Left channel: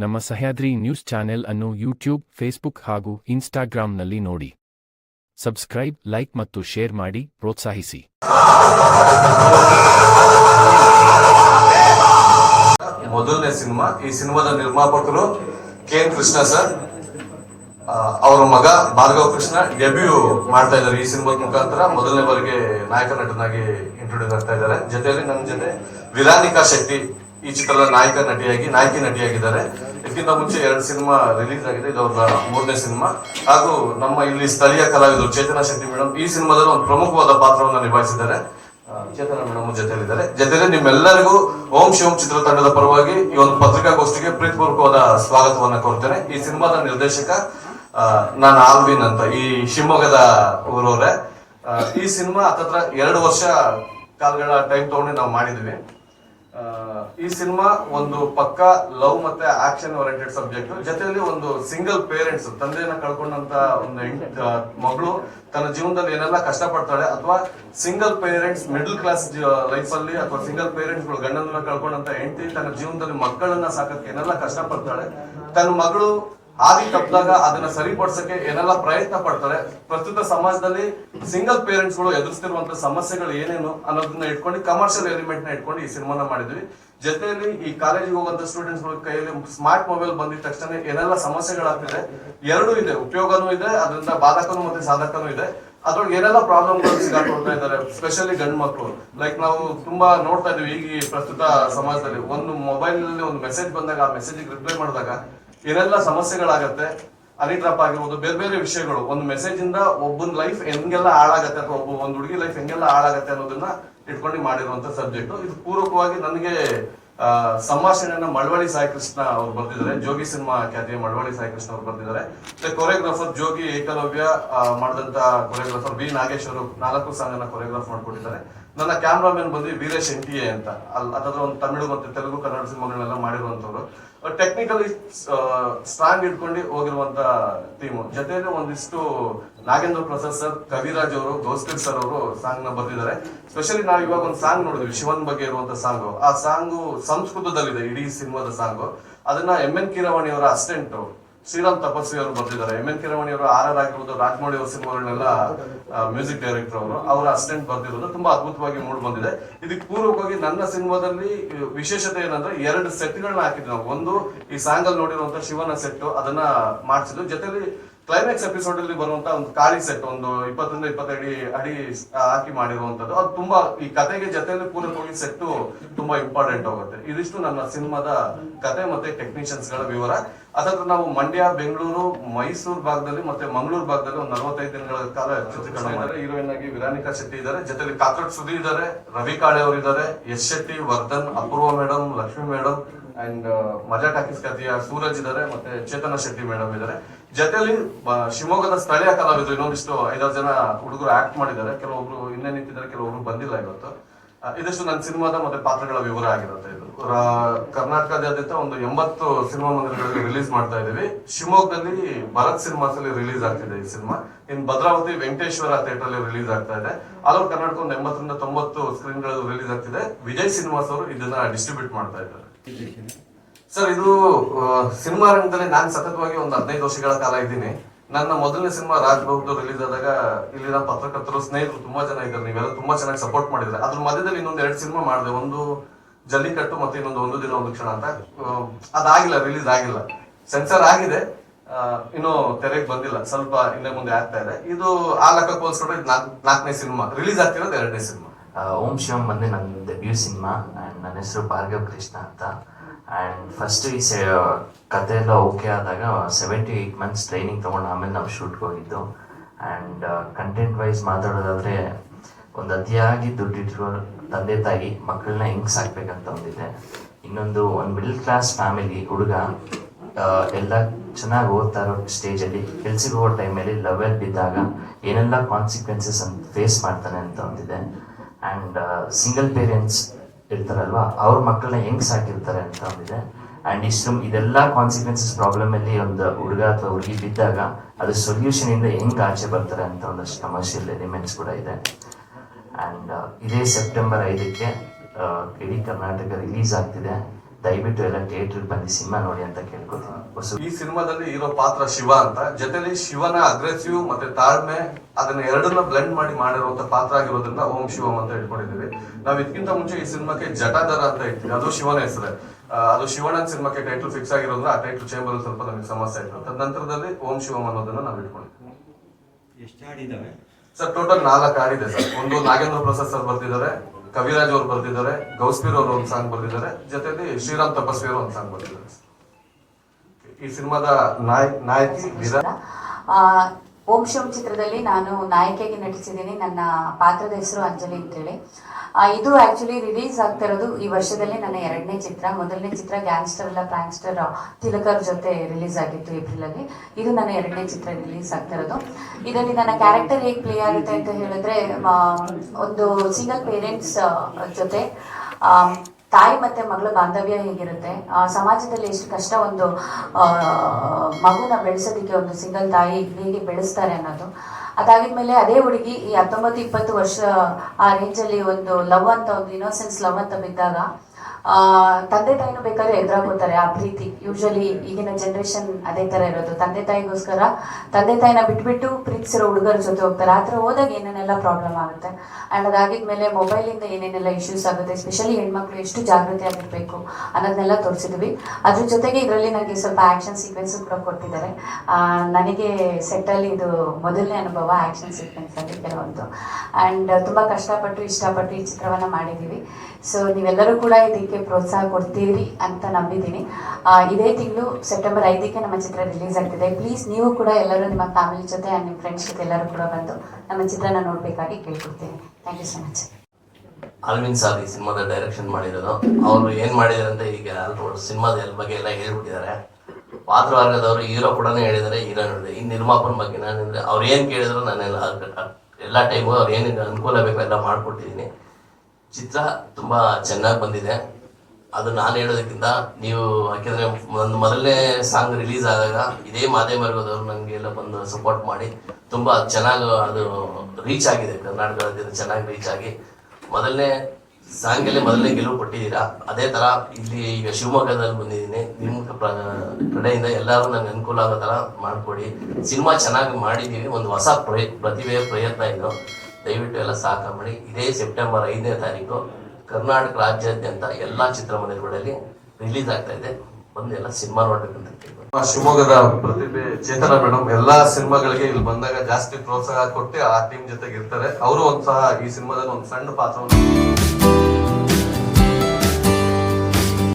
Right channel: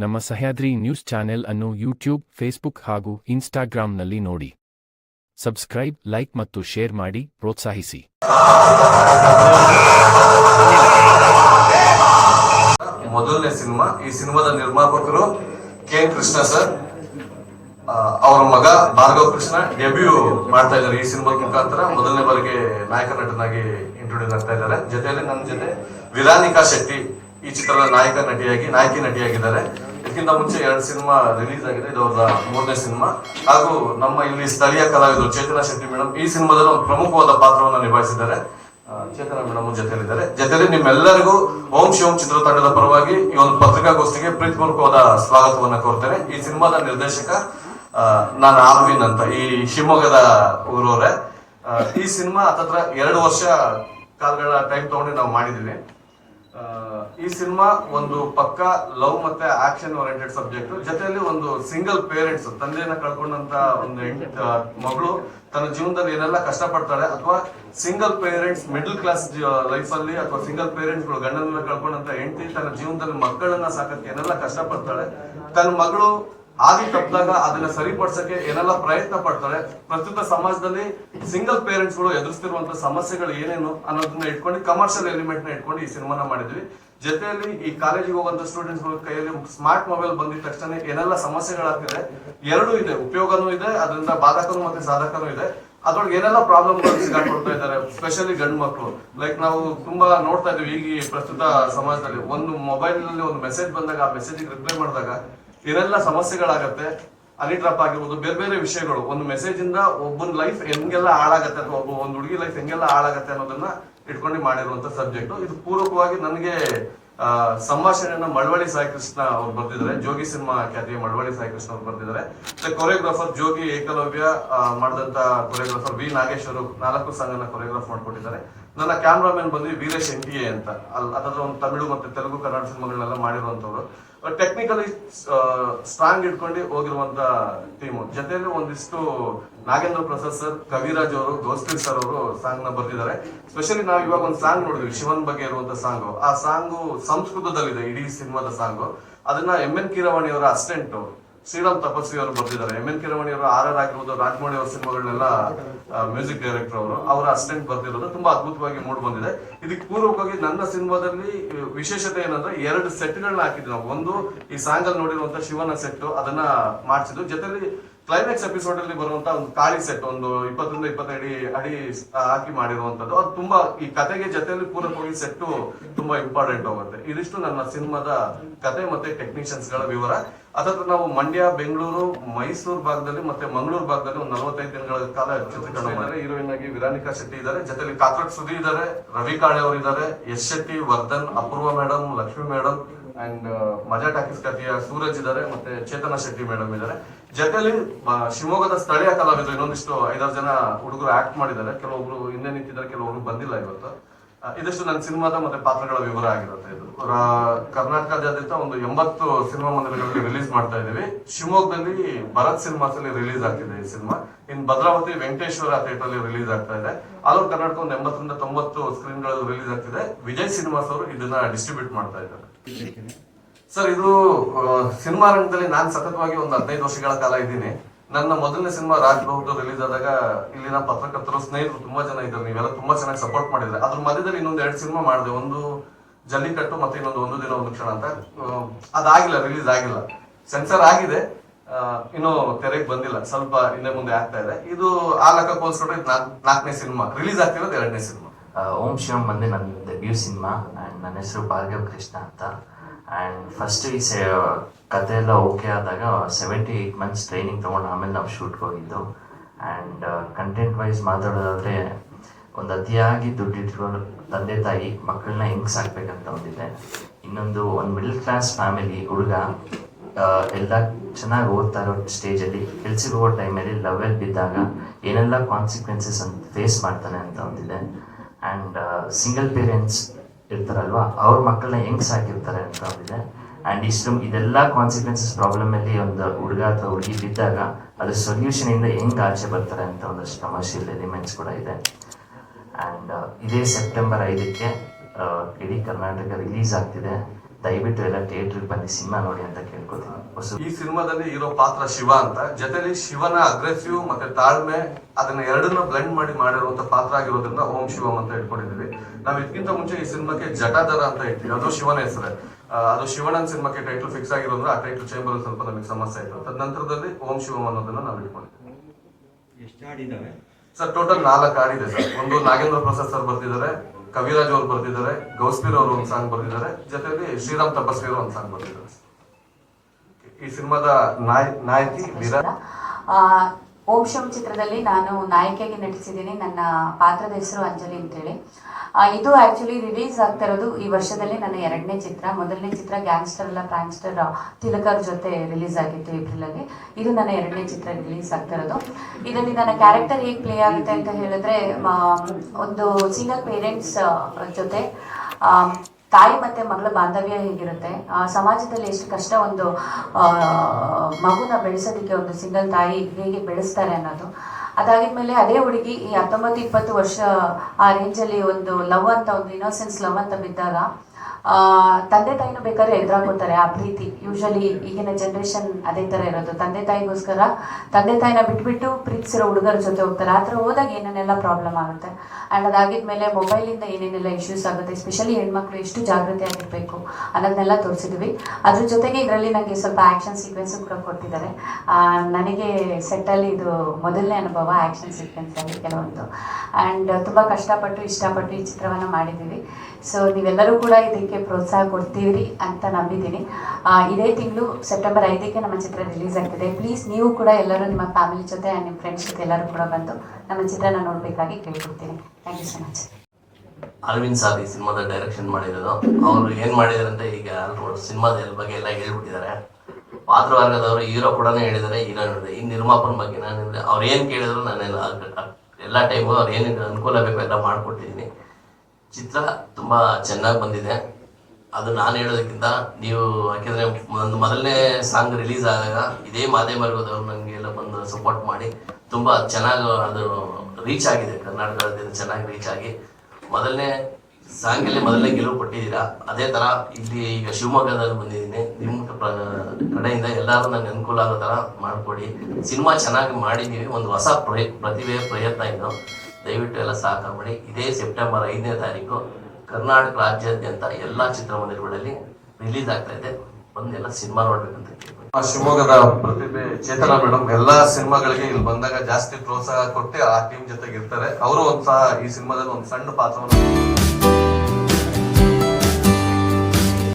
ನಮ್ಮ Sahyadri news channel ಅನ್ನು YouTube, Facebook ಹಾಗೂ ಇನ್ಸ್ಟಾಗ್ರಾಂನಲ್ಲಿ ನೋಡಿ. ಸಬ್ಸ್ಕ್ರೈಬ್, ಲೈಕ್ ಮತ್ತು ಶೇರ್ ಮಾಡಿ ಪ್ರೋತ್ಸಾಹಿಸಿ. ಮೊದಲನೇ ಸಿನಿಮಾ. ಈ ಸಿನಿಮಾದ ನಿರ್ಮಾಪಕರು ಕೆ ಕೃಷ್ಣ ಸರ್. ಅವರ ಮಗ ಭಾರ್ಗವ್ ಕೃಷ್ಣ ಡೆಬ್ಯೂ ಮಾಡ್ತಾ ಇದ್ದಾರೆ ಈ ಸಿನಿಮಾದ ಮುಖಾಂತರ. ಮೊದಲನೇ ಬಾರಿಗೆ ನಾಯಕ ನಟನಾಗಿ ಇಂಟ್ರೊಡ್ಯೂಸ್ ಆಗ್ತಾ ಇದ್ದಾರೆ. ಜೊತೆಯಲ್ಲಿ ನನ್ನ ಜೊತೆ ವಿರಾನಿಕಾ ಶೆಟ್ಟಿ ಈ ಚಿತ್ರದ ನಾಯಕಿ ನಟಿಯಾಗಿದ್ದಾರೆ. ಇದಕ್ಕಿಂತ ಮುಂಚೆ 2 ಸಿನಿಮಾ ರಿಲೀಸ್ ಆಗಿದೆ. ಇದು ಅವರ 3ನೇ ಸಿನಿಮಾ. ಹಾಗೂ ನಮ್ಮ ಇಲ್ಲಿ ಸ್ಥಳೀಯ ಕಲಾವಿದರು ಚೇತನಾ ಶೆಟ್ಟಿ ಮೇಡಮ್ ಈ ಸಿನಿಮಾದಲ್ಲಿ ಒಂದು ಪ್ರಮುಖವಾದ ಪಾತ್ರವನ್ನು ನಿಭಾಯಿಸಿದ್ದಾರೆ. ಚೇತನಾ ಮೇಡಮ್ ಜೊತೆಯಲ್ಲಿದ್ದಾರೆ. ಜೊತೆಯಲ್ಲಿ ನಿಮ್ಮೆಲ್ಲರಿಗೂ ಓಂ ಶಿವಂ ಚಿತ್ರತಂಡದ ಪರವಾಗಿ ಈ ಒಂದು ಪತ್ರಿಕಾಗೋಷ್ಠಿಗೆ ಪ್ರೀತಿಪೂರ್ವಕವಾದ ಸ್ವಾಗತವನ್ನ ಕೋರ್ತೇನೆ. ಈ ಸಿನಿಮಾದ ನಿರ್ದೇಶಕ ನಾನು ಆಲ್ವಿನ್ ಅಂತ, ಈ ಶಿವಮೊಗ್ಗದ ಊರವರೇ. ಈ ಸಿನಿಮಾ ಹತ್ತತ್ರ 2 ವರ್ಷ ಕಾಲಗಳ ಟೈಮ್ ತಗೊಂಡು ನಾವು ಮಾಡಿದ್ವಿ. ಈ ಸಿನಿಮಾ ಒಂದು ಪಕ್ಕ ಲವ್ ಮತ್ತೆ ಆಕ್ಷನ್ ಓರಿಯೆಂಟೆಡ್ ಸಬ್ಜೆಕ್ಟ್. ಜೊತೆಯಲ್ಲಿ ಒಂದು ಸಿಂಗಲ್ ಪೇರೆಂಟ್ಸ್, ತಂದೆಯನ್ನ ಕಳ್ಕೊಂಡಂತ ಒಂದು ಮಗಳು ತನ್ನ ಜೀವನದಲ್ಲಿ ಏನೆಲ್ಲ ಕಷ್ಟಪಡ್ತಾಳೆ, ಅಥವಾ single parents middle class life ಅಲ್ಲಿ, ಅಥವಾ ಸಿಂಗಲ್ ಪೇರೆಂಟ್ಸ್ ಗಳು ಗಂಡನನ್ನ ಕಳ್ಕೊಂಡಂತ ಹೆಂಡತಿ ತನ್ನ ಜೀವನದಲ್ಲಿ ಮಕ್ಕಳನ್ನ ಸಾಕಕ್ಕೆ ಏನೆಲ್ಲ ಕಷ್ಟಪಡ್ತಾಳೆ, ತನ್ನ ಮಗಳು ಹಾದಿ ತಪ್ಪಿದಾಗ ಅದನ್ನ ಸರಿಪಡಿಸಕ್ಕೆ ಏನೆಲ್ಲ ಪ್ರಯತ್ನ ಪಡ್ತಾಳೆ, ಪ್ರಸ್ತುತ ಸಮಾಜದಲ್ಲಿ ಸಿಂಗಲ್ ಪೇರೆಂಟ್ಸ್ ಗಳು ಎದುರಿಸ್ತಿರುವಂತ ಸಮಸ್ಯೆಗಳು ಏನೇನು ಅನ್ನೋದನ್ನ ಇಟ್ಕೊಂಡು ಕಮರ್ಷಿಯಲ್ ಎಲಿಮೆಂಟ್ ನ ಇಟ್ಕೊಂಡು ಈ ಸಿನಿಮಾನ ಮಾಡಿದ್ವಿ. ಜೊತೆಯಲ್ಲಿ ಈ ಕಾಲೇಜಿಗೆ ಹೋಗುವಂತ ಸ್ಟೂಡೆಂಟ್ಸ್ ಗಳ ಕೈಯಲ್ಲಿ ಸ್ಮಾರ್ಟ್ ಮೊಬೈಲ್ ಬಂದಿದ ತಕ್ಷಣ ಏನೆಲ್ಲ ಸಮಸ್ಯೆಗಳಾಗ್ತಿದೆ, ಎರಡೂ ಇದೆ, ಉಪಯೋಗನೂ ಇದೆ, ಅದರಿಂದ ಬಾಧಕನೂ ಮತ್ತೆ ಸಾಧಕನೂ ಇದೆ. ಅದ್ರೊಳಗೆ ಏನೆಲ್ಲ ಪ್ರಾಬ್ಲಮ್ಗಳು ಸಿಗಾಕೊಳ್ತಾ ಇದ್ದಾರೆ, ಸ್ಪೆಷಲಿ ಗಂಡು ಮಕ್ಕಳು. ಲೈಕ್ ನಾವು ತುಂಬಾ ನೋಡ್ತಾ ಇದೀವಿ ಈಗ ಈ ಪ್ರಸ್ತುತ ಸಮಾಜದಲ್ಲಿ. ಒಂದು ಮೊಬೈಲ್ ನಲ್ಲಿ ಒಂದು ಮೆಸೇಜ್ ಬಂದಾಗ ಆ ಮೆಸೇಜ್ ರಿಪ್ಲೈ ಮಾಡಿದಾಗ ಏನೆಲ್ಲ ಸಮಸ್ಯೆಗಳಾಗತ್ತೆ, ಅನಿಟ್ರಾಪ್ ಆಗಿರ್ಬೋದು, ಬೇರೆ ಬೇರೆ ವಿಷಯಗಳು. ಒಂದು ಮೆಸೇಜ್ ಇಂದ ಒಬ್ಬನ ಲೈಫ್ ಹೆಂಗೆಲ್ಲ ಹಾಳಾಗತ್ತೆ, ಅಥವಾ ಒಂದು ಹುಡುಗಿ ಲೈಫ್ ಹೆಂಗೆಲ್ಲ ಹಾಳಾಗತ್ತೆ ಅನ್ನೋದನ್ನ ಇಟ್ಕೊಂಡು ಮಾಡಿರುವಂತ ಸಬ್ಜೆಕ್ಟ್. ಇದು ಪೂರ್ವಕವಾಗಿ ನನಗೆ ಸಂಭಾಷಣೆಯನ್ನ ಮಳವಳ್ಳಿ ಸಾಯಿಕೃಷ್ಣ ಅವ್ರು ಬರ್ದಿದ್ದಾರೆ. ಜೋಗಿ ಸಿನಿಮಾ ಖ್ಯಾತಿಯ ಮಳವಳ್ಳಿ ಸಾಯಿಕೃಷ್ಣ ಅವ್ರು ಬರ್ದಿದ್ದಾರೆ. ಕೊರಿಯೋಗ್ರಾಫರ್ ಜೋಗಿ ಏಕಲವ್ಯ ಮಾಡಿದಂತ ಕೊರಿಯೋಗ್ರಾಫರ್ ವಿ ನಾಗೇಶ್ವರ್ 4 ಸಾಂಗ್ ಅನ್ನ ಕೊರಿಯೋಗ್ರಾಫ್ ಮಾಡ್ಕೊಟ್ಟಿದ್ದಾರೆ. ನನ್ನ ಕ್ಯಾಮ್ರಾಮನ್ ಬಂದು ವೀರೇಶ್ NTA ಅಂತ, ಅದ್ರ ಒಂದು ತಮಿಳು ಮತ್ತೆ ತೆಲುಗು ಕನ್ನಡ ಸಿನಿಮಾಗಳನ್ನೆಲ್ಲ ಮಾಡಿರುವಂತವ್ರು. ಟೆಕ್ನಿಕಲಿ ಸ್ಟ್ರಾಂಗ್ ಇಟ್ಕೊಂಡು ಹೋಗಿರುವಂತ ಟೀಮು. ಜೊತೆಯಲ್ಲಿ ಒಂದಿಷ್ಟು ನಾಗೇಂದ್ರ ಪ್ರಸಾದ್ ಸರ್, ಕವಿರಾಜ್ ಅವರು, ಗೌಸ್ಪೀರ್ ಸರ್ ಅವರು ಸಾಂಗ್ ನ ಬರ್ದಿದ್ದಾರೆ. ಸ್ಪೆಷಲಿ ನಾವು ಇವಾಗ ಒಂದು ಸಾಂಗ್ ನೋಡಿದ್ವಿ, ಶಿವನ್ ಬಗ್ಗೆ ಇರುವಂತ ಸಾಂಗ್. ಆ ಸಾಂಗು ಸಂಸ್ಕೃತದಲ್ಲಿದೆ ಇಡೀ ಸಿನಿಮಾದ ಸಾಂಗು. ಅದನ್ನ MN ಕೀರವಾಣಿ ಅವರ ಅಸಿಸ್ಟೆಂಟ್ ಶ್ರೀರಾಮ್ ತಪಸ್ವಿ ಅವರು ಬರ್ದಿದ್ದಾರೆ. MN ಕೀರವಾಣಿ ಅವರು RR ಆಗಿರ್ಬೋದು, ರಾಜಮೌಳಿ ಅವರ ಸಿನಿಮಾಗಳನ್ನೆಲ್ಲ ಮ್ಯೂಸಿಕ್ ಡೈರೆಕ್ಟರ್ ಅವರು, ಅವರ ಅಸಿಸ್ಟೆಂಟ್ ಬರ್ದಿರೋದು ತುಂಬಾ ಅದ್ಭುತವಾಗಿ ಮೂಡ್ ಬಂದಿದೆ. ಇದಕ್ಕೆ ಪೂರ್ವಕವಾಗಿ ನನ್ನ ಸಿನಿಮಾದಲ್ಲಿ ವಿಶೇಷತೆ ಏನಂದ್ರೆ 2 ಸೆಟ್ಗಳನ್ನ ಹಾಕಿದ್ವಿ ನಾವು. ಒಂದು ಈ ಸಾಂಗ್ ಅಲ್ಲಿ ನೋಡಿರುವಂತ ಶಿವನ ಸೆಟ್, ಅದನ್ನ ಮಾಡಿಸಿದ್ವಿ. ಜೊತೆಲಿ ಕ್ಲೈಮ್ಯಾಕ್ಸ್ ಎಪಿಸೋಡ್ ಅಲ್ಲಿ ಬರುವಂತ ಒಂದು ಕಾಳಿ ಸೆಟ್, ಒಂದು 20 ರಿಂದ 25 ಅಡಿ ಹಾಕಿ ಮಾಡಿರುವಂತದ್ದು. ಅದು ತುಂಬಾ ಈ ಕತೆಗೆ ಜೊತೆಯಲ್ಲಿ ಪೂರಕವಾಗಿ ಸೆಟ್ಟು ತುಂಬಾ ಇಂಪಾರ್ಟೆಂಟ್ ಆಗುತ್ತೆ. ಇದಿಷ್ಟು ನನ್ನ ಸಿನಿಮಾದ ಕತೆ ಮತ್ತೆ ಟೆಕ್ನಿಷಿಯನ್ಸ್ ಗಳ ವಿವರ. ಅದಾದ್ರೆ ನಾವು ಮಂಡ್ಯ, ಬೆಂಗಳೂರು, ಮೈಸೂರು ಭಾಗದಲ್ಲಿ ಮತ್ತೆ ಮಂಗಳೂರು ಭಾಗದಲ್ಲಿ ಒಂದು 45 ದಿನಗಳ ಕಾಲ ಚಿತ್ರೀಕರಣ ಮಾಡಿದ್ದಾರೆ. ಹೀರೋಯಿನ್ ಆಗಿ ವಿರಾನಿಕಾ ಶೆಟ್ಟಿ ಇದ್ದಾರೆ. ಜೊತೆಲಿ ಕಾಕ್ರೋಚ್ ಸುಧಿ ಇದ್ದಾರೆ, ರವಿ ಕಾಳೆ ಅವರು ಇದ್ದಾರೆ, ಯಶ್ ಶೆಟ್ಟಿ, ವರ್ಧನ್, ಅಪೂರ್ವ ಮೇಡಮ್, ಲಕ್ಷ್ಮಿ ಮೇಡಮ್ ಅಂಡ್ ಮಜಾ ಟಾಕೀಸ್ ಖ್ಯಾತಿಯ ಸೂರಜ್ ಇದ್ದಾರೆ, ಮತ್ತೆ ಚೇತನಾ ಶೆಟ್ಟಿ ಮೇಡಮ್ ಇದ್ದಾರೆ. ಜೊತೆಲಿ ಶಿವಮೊಗ್ಗದ ಸ್ಥಳೀಯ ಕಲಾವಿದರು ಇನ್ನೊಂದಿಷ್ಟು 5-6 ಜನ ಹುಡುಗರು ಆಕ್ಟ್ ಮಾಡಿದ್ದಾರೆ. ಕೆಲವೊಬ್ರು ಇನ್ನೇ ನಿಂತಿದ್ದಾರೆ, ಕೆಲವೊಬ್ರು ಬಂದಿಲ್ಲ ಇವತ್ತು. ಇದಷ್ಟು ನನ್ನ ಸಿನಿಮಾದ ಮತ್ತೆ ಪಾತ್ರಗಳ ವಿವರ ಆಗಿರುತ್ತೆ. ಇದು ಕರ್ನಾಟಕದಾದ್ಯಂತ ಒಂದು 80 ಸಿನಿಮಾ ಮಂದಿರಗಳಲ್ಲಿ ರಿಲೀಸ್ ಮಾಡ್ತಾ ಇದೀವಿ. ಶಿವಮೊಗ್ಗದಲ್ಲಿ ಭರತ್ ಸಿನಿಮಾಸ್ ಅಲ್ಲಿ ರಿಲೀಸ್ ಆಗ್ತಿದೆ ಈ ಸಿನಿಮಾ. ಇನ್ ಭದ್ರಾವತಿ ವೆಂಕಟೇಶ್ವರ ಥಿಯೇಟರ್ ಅಲ್ಲಿ ರಿಲೀಸ್ ಆಗ್ತಾ ಇದೆ. ಆಲ್ ಓವರ್ ಕರ್ನಾಟಕ ಒಂದು 80 ರಿಂದ 90 ಸ್ಕ್ರೀನ್ ಗಳಲ್ಲಿ ರಿಲೀಸ್ ಆಗ್ತಿದೆ. ವಿಜಯ್ ಸಿನಿಮಾಸ್ ಅವರು ಇದನ್ನ ಡಿಸ್ಟ್ರಿಬ್ಯೂಟ್ ಮಾಡ್ತಾ ಇದ್ದಾರೆ. ಸರ್, ಇದು ಸಿನಿಮಾ ರಂಗದಲ್ಲಿ ನಾನು ಸತತವಾಗಿ ಒಂದು 15 ವರ್ಷಗಳ ಕಾಲ ಇದ್ದೀನಿ. ನನ್ನ ಮೊದಲನೇ ಸಿನಿಮಾ ರಾಜಬಹುದ್ದು ರಿಲೀಸ್ ಆದಾಗ ಇಲ್ಲಿನ ಪತ್ರಕರ್ತರು, ಸ್ನೇಹಿತರು ತುಂಬಾ ಜನ ಇದ್ದಾರೆ. ನೀವೆಲ್ಲ ತುಂಬಾ ಚೆನ್ನಾಗಿ ಸಪೋರ್ಟ್ ಮಾಡಿದ್ರೆ. ಅದ್ರ ಮಧ್ಯದಲ್ಲಿ ಇನ್ನೊಂದು 2 ಸಿನಿಮಾ ಮಾಡಿದೆ. ಒಂದು ಜಲ್ಲಿಕಟ್ಟು ಮತ್ತೆ ಇನ್ನೊಂದು ಒಂದು ದಿನ ಒಂದು ಕ್ಷಣ ಅಂತ. ಅದಾಗಿಲ್ಲ, ರಿಲೀಸ್ ಆಗಿಲ್ಲ. ಸೆನ್ಸರ್ ಆಗಿದೆ, ಇನ್ನು ತೆರೆಗೆ ಬಂದಿಲ್ಲ, ಸ್ವಲ್ಪ ಹಿಂದೆ ಮುಂದೆ ಆಗ್ತಾ ಇದೆ. ಇದು ಆ ಲೆಕ್ಕ ಹೋಲಿಸ್ಕೊಂಡ್ರೆ 4ನೇ ಸಿನಿಮಾ ರಿಲೀಸ್ ಆಗ್ತಿರೋದು, 2ನೇ ಸಿನಿಮಾ. ಓಂ ಶಿವಂ ಬಂದು ನನ್ನ ಡೆಬ್ಯೂ ಸಿನಿಮಾ. ಆ್ಯಂಡ್ ನನ್ನ ಹೆಸರು ಭಾರ್ಗವ್ ಕೃಷ್ಣ ಅಂತ. ಆ್ಯಂಡ್ ಫಸ್ಟ್ ಈ ಕತೆ ಎಲ್ಲ ಓಕೆ ಆದಾಗ 7 to 8 ಮಂತ್ಸ್ ಟ್ರೈನಿಂಗ್ ತೊಗೊಂಡು ಆಮೇಲೆ ನಾವು ಶೂಟ್ಗೆ ಹೋಗಿದ್ದು. ಆ್ಯಂಡ್ ಕಂಟೆಂಟ್ ವೈಸ್ ಮಾತಾಡೋದಾದರೆ, ಒಂದು ಅತಿಯಾಗಿ ದುಡ್ಡಿಟ್ಟಿರೋ ತಂದೆ ತಾಯಿ ಮಕ್ಕಳನ್ನ ಹೆಂಗೆ ಸಾಕ್ಬೇಕಂತ ಒಂದಿದೆ. ಇನ್ನೊಂದು ಮಿಡಲ್ ಕ್ಲಾಸ್ ಫ್ಯಾಮಿಲಿ ಹುಡುಗ ಎಲ್ಲ ಚೆನ್ನಾಗಿ ಓದ್ತಾ ಇರೋ ಸ್ಟೇಜಲ್ಲಿ ಕೆಲ್ಸಕ್ಕೆ ಹೋಗೋ ಟೈಮಲ್ಲಿ ಲವೆಲ್ ಬಿದ್ದಾಗ ಏನೆಲ್ಲ ಕಾನ್ಸಿಕ್ವೆನ್ಸಸ್ ಅಂತ ಫೇಸ್ ಮಾಡ್ತಾನೆ ಅಂತ ಒಂದಿದೆ. ಆ್ಯಂಡ್ ಸಿಂಗಲ್ ಪೇರೆಂಟ್ಸ್ ಇರ್ತಾರಲ್ವಾ, ಅವ್ರ ಮಕ್ಕಳನ್ನ ಹೆಂಗೆ ಸಾಕಿರ್ತಾರೆ ಅಂತ ಒಂದಿದೆ. ಆ್ಯಂಡ್ ಇದೆಲ್ಲ ಕಾನ್ಸಿಕ್ವೆನ್ಸಸ್ ಪ್ರಾಬ್ಲಮಲ್ಲಿ ಒಂದು ಹುಡುಗ ಅಥವಾ ಹುಡುಗಿ ಬಿದ್ದಾಗ ಅದು ಸೊಲ್ಯೂಷನಿಂದ ಹೆಂಗೆ ಆಚೆ ಬರ್ತಾರೆ ಅಂತ ಒಂದಷ್ಟು ಕಮರ್ಷಿಯಲ್ ಎಲಿಮೆಂಟ್ಸ್ ಕೂಡ ಇದೆ. ಆ್ಯಂಡ್ ಇದೇ ಸೆಪ್ಟೆಂಬರ್ 5ಕ್ಕೆ ಇಡೀ ಕರ್ನಾಟಕ ರಿಲೀಸ್ ಆಗ್ತಿದೆ. ದಯವಿಟ್ಟು ಎಲ್ಲ ಥಿಯೇಟ್ರಿಗೆ ಬಂದು ಸಿನಿಮಾ ನೋಡಿ ಅಂತ ಕೇಳ್ಕೊತೀನಿ. ಈ ಸಿನಿಮಾದಲ್ಲಿ ಇರೋ ಪಾತ್ರ ಶಿವ ಅಂತ, ಜೊತೆಲಿ ಶಿವನ ಅಗ್ರೆಸಿವ್ ಮತ್ತೆ ತಾಳ್ಮೆ ಅದನ್ನ ಎರಡನ್ನ ಬ್ಲೆಂಡ್ ಮಾಡಿ ಮಾಡಿರುವಂತ ಪಾತ್ರ ಆಗಿರೋದ್ರಿಂದ ಓಂ ಶಿವಂ ಅಂತ ಇಟ್ಕೊಂಡಿದೀವಿ. ನಾವ್ ಇದಕ್ಕಿಂತ ಮುಂಚೆ ಈ ಸಿನಿಮಾಕ್ಕೆ ಜಟಾಧರ ಅಂತ ಇರ್ತೀವಿ, ಅದು ಶಿವನ ಹೆಸರೇ. ಅದು ಶಿವಣ್ಣನ ಸಿನಿಮಾಕ್ಕೆ ಟೈಟಲ್ ಫಿಕ್ಸ್ ಆಗಿರೋದ್ರೆ ಆ ಟೈಟಲ್ ಚೇಂಬರ್ ಸ್ವಲ್ಪ ನಮಗೆ ಸಮಸ್ಯೆ ಆಯ್ತು. ತದನಂತರದಲ್ಲಿ ಓಂ ಶಿವಂ ಅನ್ನೋದನ್ನ ನಾವು ಇಟ್ಕೊಂಡಿದ್ದೀವಿ. ಸರ್ ಟೋಟಲ್ 4 ಹಾಡಿದೆ ಸರ್. ಒಂದು ನಾಗೇಂದ್ರ ಪ್ರಸಾದ್ ಸರ್ ಬರ್ತಿದ್ದಾರೆ, ಕವಿರಾಜ್ ಅವರು ಬರ್ತಿದ್ದಾರೆ, ಗೌಸ್ಪೀರ್ ಅವರು ಒಂದು ಸಾಂಗ್ ಬರ್ತಿದ್ದಾರೆ, ಜೊತೆಲಿ ಶ್ರೀರಾಮ್ ತಪಸ್ವಿ ಅವರು ಒಂದು ಸಾಂಗ್ ಬರ್ತಿದ್ದಾರೆ. ಈ ಸಿನಿಮಾದ ನಾಯಕಿ ವೀರ. ಓಂ ಶಿವಂ ಚಿತ್ರದಲ್ಲಿ ನಾನು ನಾಯಕಿಯಾಗಿ ನಟಿಸಿದ್ದೀನಿ. ನನ್ನ ಪಾತ್ರದ ಹೆಸರು ಅಂಜಲಿ ಅಂತೇಳಿ. ಇದು ಆಕ್ಚುಲಿ ರಿಲೀಸ್ ಆಗ್ತಾ ಇರೋದು ಈ ವರ್ಷದಲ್ಲಿ ನನ್ನ 2ನೇ ಚಿತ್ರ. ಮೊದಲನೇ ಚಿತ್ರ ಗ್ಯಾಂಗ್ಸ್ಟರ್ ಅಲ್ಲ ಪ್ರಾಂಕ್ಸ್ಟರ್ ತಿಲಕರ್ ಜೊತೆ ರಿಲೀಸ್ ಆಗಿತ್ತು ಏಪ್ರಿಲ್ ಅಲ್ಲಿ. ಇದು ನನ್ನ 2ನೇ ಚಿತ್ರ ರಿಲೀಸ್ ಆಗ್ತಾ ಇರೋದು. ಇದರಲ್ಲಿ ನನ್ನ ಕ್ಯಾರೆಕ್ಟರ್ ಹೇಗೆ ಪ್ಲೇ ಆಗುತ್ತೆ ಅಂತ ಹೇಳಿದ್ರೆ, ಒಂದು ಸಿಂಗಲ್ ಪೇರೆಂಟ್ಸ್ ಜೊತೆ ತಾಯಿ ಮತ್ತೆ ಮಗಳ ಬಾಂಧವ್ಯ ಹೇಗಿರುತ್ತೆ, ಸಮಾಜದಲ್ಲಿ ಎಷ್ಟು ಕಷ್ಟ ಒಂದು ಮಗುನ ಬೆಳೆಸೋದಕ್ಕೆ ಒಂದು ಸಿಂಗಲ್ ತಾಯಿ ಹೇಗೆ ಬೆಳೆಸ್ತಾರೆ ಅನ್ನೋದು. ಅದಾಗಿದ್ಮೇಲೆ ಅದೇ ಹುಡುಗಿ ಈ 19-20 ವರ್ಷ ಆ ರೇಂಜಲ್ಲಿ ಒಂದು ಲವ್ ಅಂತ, ಒಂದು ಇನ್ನೋಸೆನ್ಸ್ ಲವ್ ಅಂತ ಬಿದ್ದಾಗ ತಂದೆ ತಾಯಿನೂ ಬೇಕಾದ್ರೆ ಎದುರಾಕೋತಾರೆ. ಆ ಪ್ರೀತಿ ಯೂಶಲಿ ಈಗಿನ ಜನರೇಷನ್ ಅದೇ ಥರ ಇರೋದು. ತಂದೆ ತಾಯಿಗೋಸ್ಕರ ತಂದೆ ತಾಯಿನ ಬಿಟ್ಬಿಟ್ಟು ಪ್ರೀತಿಸಿರೋ ಹುಡುಗರ ಜೊತೆ ಹೋಗ್ತಾರೆ. ಆ ಥರ ಹೋದಾಗ ಏನೇನೆಲ್ಲ ಪ್ರಾಬ್ಲಮ್ ಆಗುತ್ತೆ. ಆ್ಯಂಡ್ ಅದಾಗಿದ್ಮೇಲೆ ಮೊಬೈಲಿಂದ ಏನೇನೆಲ್ಲ ಇಶ್ಯೂಸ್ ಆಗುತ್ತೆ, ಸ್ಪೆಷಲಿ ಹೆಣ್ಮಕ್ಳು ಎಷ್ಟು ಜಾಗೃತಿಯಾಗಿರಬೇಕು ಅನ್ನೋದನ್ನೆಲ್ಲ ತೋರಿಸಿದ್ವಿ. ಅದ್ರ ಜೊತೆಗೆ ಇದರಲ್ಲಿ ನನಗೆ ಸ್ವಲ್ಪ ಆ್ಯಕ್ಷನ್ ಸೀಕ್ವೆನ್ಸು ಕೂಡ ಕೊಟ್ಟಿದ್ದಾರೆ. ನನಗೆ ಸೆಟ್ಟಲ್ಲಿ ಇದು ಮೊದಲನೇ ಅನುಭವ ಆ್ಯಕ್ಷನ್ ಸೀಕ್ವೆನ್ಸಲ್ಲಿ ಕೆಲವೊಂದು. ಆ್ಯಂಡ್ ತುಂಬ ಕಷ್ಟಪಟ್ಟು ಇಷ್ಟಪಟ್ಟು ಈ ಚಿತ್ರವನ್ನು ಮಾಡಿದ್ದೀವಿ. ಸೊ ನೀವೆಲ್ಲರೂ ಕೂಡ ಇದಕ್ಕೆ ಪ್ರೋತ್ಸಾಹ ಕೊಡ್ತೀರಿ ಅಂತ ನಂಬಿದ್ದೀನಿ. ಇದೇ ತಿಂಗಳು ಸೆಪ್ಟೆಂಬರ್ 5ಕ್ಕೆ ನಮ್ಮ ಚಿತ್ರ ರಿಲೀಸ್ ಆಗ್ತಿದೆ. ಪ್ಲೀಸ್ ನೀವು ಕೂಡ ಎಲ್ಲರೂ ನಿಮ್ಮ ಫ್ಯಾಮಿಲಿ ಜೊತೆ ಆ್ಯಂಡ್ ನಿಮ್ಮ ಫ್ರೆಂಡ್ಸ್ ಜೊತೆ ಎಲ್ಲರೂ ಕೂಡ ಬಂದು ನಮ್ಮ ಚಿತ್ರನ ನೋಡಬೇಕಾಗಿ ಕೇಳ್ಕೊಡ್ತೀನಿ. Thank you so much. Aravind sir ಈ ಸಿನಿಮಾದ ಡೈರೆಕ್ಷನ್ ಮಾಡಿರೋದು. ಅವರು ಏನು ಮಾಡಿದ್ದಾರೆ ಅಂತ ಈಗ ಸಿನಿಮಾದ ಬಗ್ಗೆ ಎಲ್ಲ ಹೇಳ್ಬಿಟ್ಟಿದ್ದಾರೆ. ಪಾತ್ರವರ್ಗದವರು ಹೀರೋ ಕೂಡ ಹೇಳಿದ್ದಾರೆ, ಹೀರೋ ಹೇಳಿದೆ. ಈ ನಿರ್ಮಾಪನ ಬಗ್ಗೆ ನಾನು ಅವ್ರು ಏನು ಕೇಳಿದ್ರು ನಾನೆಲ್ಲ ಎಲ್ಲ ಟೈಮು ಅವ್ರು ಏನು ಅನುಕೂಲ ಬೇಕೋ ಎಲ್ಲ ಮಾಡಿಕೊಟ್ಟಿದ್ದೀನಿ. ಚಿತ್ರ ತುಂಬ ಚೆನ್ನಾಗಿ ಬಂದಿದೆ. ಅದು ನಾನು ಹೇಳೋದಕ್ಕಿಂತ ನೀವು, ಯಾಕೆಂದರೆ ಒಂದು ಮೊದಲನೇ ಸಾಂಗ್ ರಿಲೀಸ್ ಆದಾಗ ಇದೇ ಮಾಧ್ಯಮದವರು ನನಗೆ ಎಲ್ಲ ಬಂದು ಸಪೋರ್ಟ್ ಮಾಡಿ ತುಂಬ ಚೆನ್ನಾಗಿ ಅದು ರೀಚ್ ಆಗಿದೆ. ಕರ್ನಾಟಕದಿಂದ ಚೆನ್ನಾಗಿ ರೀಚ್ ಆಗಿ ಮೊದಲನೇ ಸಾಂಗಲ್ಲಿ ಮೊದಲನೇ ಗೆಲುವು ಕೊಟ್ಟಿದ್ದೀರಾ. ಅದೇ ಥರ ಇಲ್ಲಿ ಈಗ ಶಿವಮೊಗ್ಗದಲ್ಲಿ ಬಂದಿದ್ದೀನಿ. ನಿಮ್ಮ ಕಡೆಯಿಂದ ಎಲ್ಲರೂ ನನಗೆ ಅನುಕೂಲ ಆಗೋ ಥರ ಮಾಡಿಕೊಡಿ. ಸಿನಿಮಾ ಚೆನ್ನಾಗಿ ಮಾಡಿದ್ದೀವಿ. ಒಂದು ಹೊಸ ಪ್ರತಿಭೆ ಪ್ರಯತ್ನ ಇದು. ದಯವಿಟ್ಟು ಎಲ್ಲ ಸಹಕಾರ ಮಾಡಿ. ಇದೇ ಸೆಪ್ಟೆಂಬರ್ 5ನೇ ತಾರೀಕು ಕರ್ನಾಟಕ ರಾಜ್ಯಾದ್ಯಂತ ಎಲ್ಲ ಚಿತ್ರಮಂದಿರಗಳಲ್ಲಿ ರಿಲೀಸ್ ಆಗ್ತಾ ಇದೆ. ಬಂದು ಎಲ್ಲ ಸಿನಿಮಾ ನೋಡ್ಬೇಕಂತ ಕೇಳ್ಬೋದು. ಶಿವಮೊಗ್ಗದ ಪ್ರತಿಭೆ ಚೇತನ ಮೇಡಮ್ ಎಲ್ಲಾ ಸಿನಿಮಾಗಳಿಗೆ ಇಲ್ಲಿ ಬಂದಾಗ ಜಾಸ್ತಿ ಪ್ರೋತ್ಸಾಹ ಕೊಟ್ಟು ಆ ಟೀಮ್ ಜೊತೆಗೆ ಇರ್ತಾರೆ. ಅವರು ಒಂದು ಸಹ ಈ ಸಿನಿಮಾದಲ್ಲಿ ಒಂದು ಸಣ್ಣ ಪಾತ್ರವನ್ನು